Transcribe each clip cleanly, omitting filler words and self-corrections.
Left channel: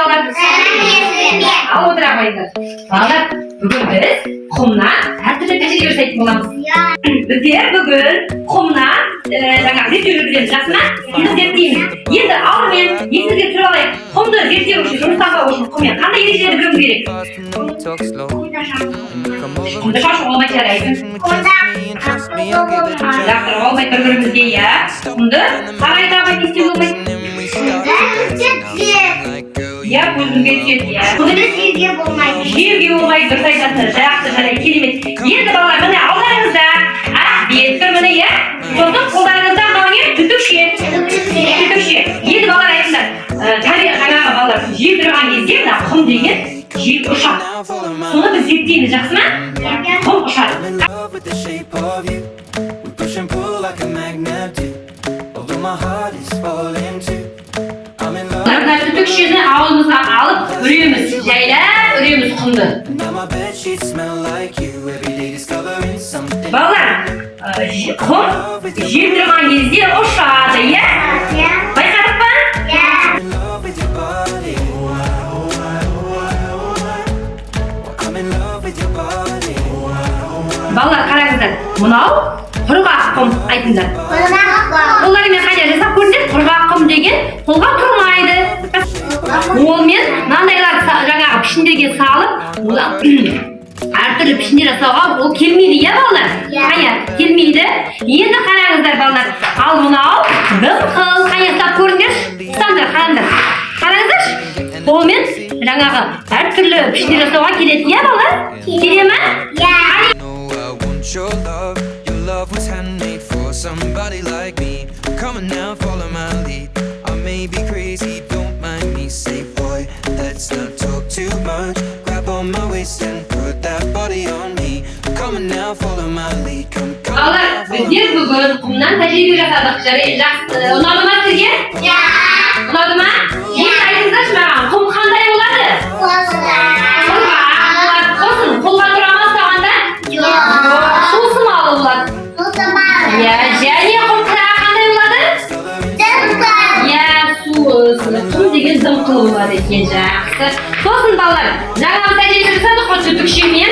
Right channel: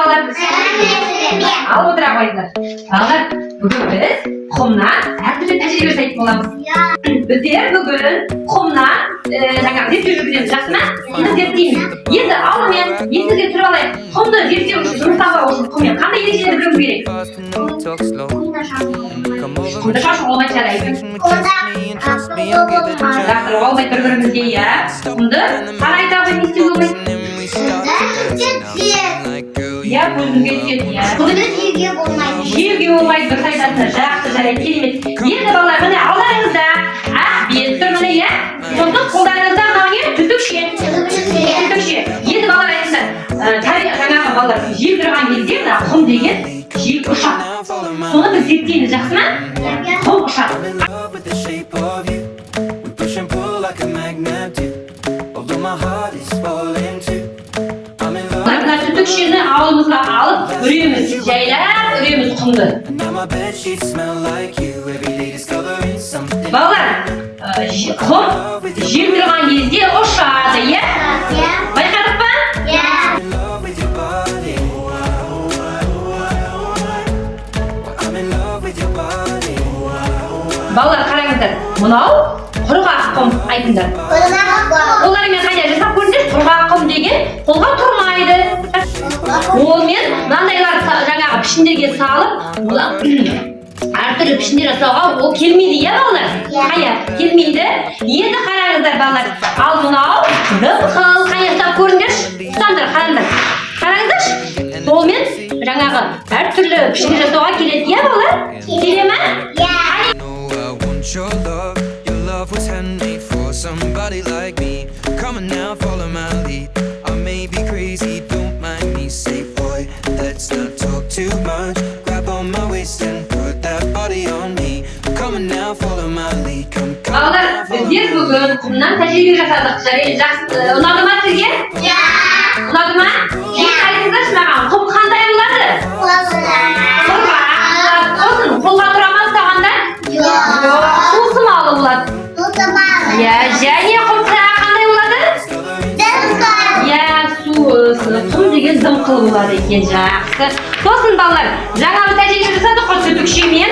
балалар? Ал отыра қойыңыздар. Балалар, бүгін біз құмнан әртүрлі тәжірибе жасайтын боламыз. Біздер бүгін құмнан жаңағы зерттеу жүргіземіз, жақсы ма? Біз зерттейміз. Енді алдымен есіңізге түсіріп алайық. Құмды зерттеу үшін, жұмыстағы үшін құммен қандай ережелер білуіміз керек? Құмды шашу болмай жарайды. Жақсы, болмай бір-бірімізге, иә. Құмды қалай табын не істеу болмайды? Я көзімге түседі, иә. Құмды жерге болмайды. Жерге болмайды, дұрыс айтасыз. Жақсы, жарайды, керемет. Енді балалар, міне алдарыңызда ақ бет тұр, міне, иә. Сосын қолдарыңызда мынау не? Түтікше. Енді балалар айтыңдар, жаңағы балалар жеп тұрған кезде мына құм деген жеп ұшақ. Соны біз зерттейміз, жақсы ма? Құм ұшақ. Түтікшені ауылымызға алып үреміз, жайлап үреміз құмды. Балалар, құм жеп тұрған кезде ұшады, иә? Байқадық па? Балалар, қараңыздар, мынау құрғақ құм айтыңдар. Олармен қайда жасап көріңдер? Құрғақ құм деген қолға тұрмайды. Олмен мынандайлар жаңағы пішіндерге салып, әртүрлі пішіндер жасауға ол келмейді, иә балалар? Қая, келмейді. Енді қараңыздар балалар, ал мынау дымқыл, қая жасап көріңдер? Ұстаңдар, қараңыздаршы. Олмен жаңағы әртүрлі пішіндер жасауға келеді, иә балалар? Келе ме? Your love was handmade for somebody like me. Come on now, follow my lead. I may be crazy, don't mind me. Say boy, let's not talk too much. Grab on my waist and put that body on me. Come on now, follow my lead. Come. Балалар, біздер бүгін құмнан тәжірибе жасадық. Ұнады ма сізге? Ұнады ма? Айтыңыздаршы маған, құм қандай болады? Қолға тұра ма ұстағанда? Сусымалы болады. Және құм қандай болады? Құм деген дымқыл болады екен, жақсы. Сосын балалар, жаңағы тәжірибе жасадық қой түтікшемен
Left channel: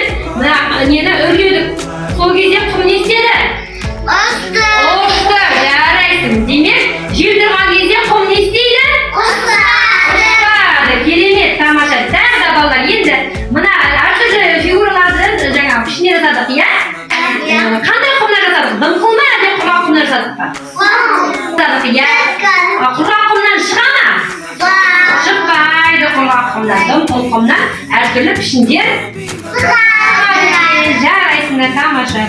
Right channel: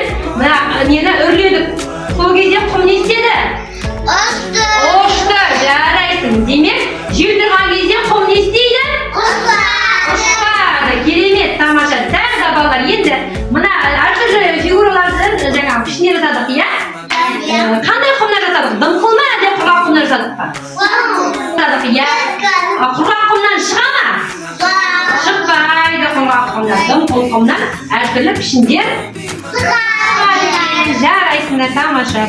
нені үрледік. Сол кезде құм не істеді? Ұшты, жарайсың. Демек, жеп тұрған кезде құм не істейді? Ұшады, керемет, тамаша. Тағы да балалар, енді мына әртүрлі фигураларды жаңағы пішіне жасадық, иә? Қандай құмнан жасадық? Дымқыл ма, әлде құрғақ құмнан жасадық па? Жасадық, иә? Құрғақ құмнан шыға ма? Шықпайды құрғақ құмнан. Дымқыл құмнан әртүрлі пішіндер жарайсыңдар, тамаша.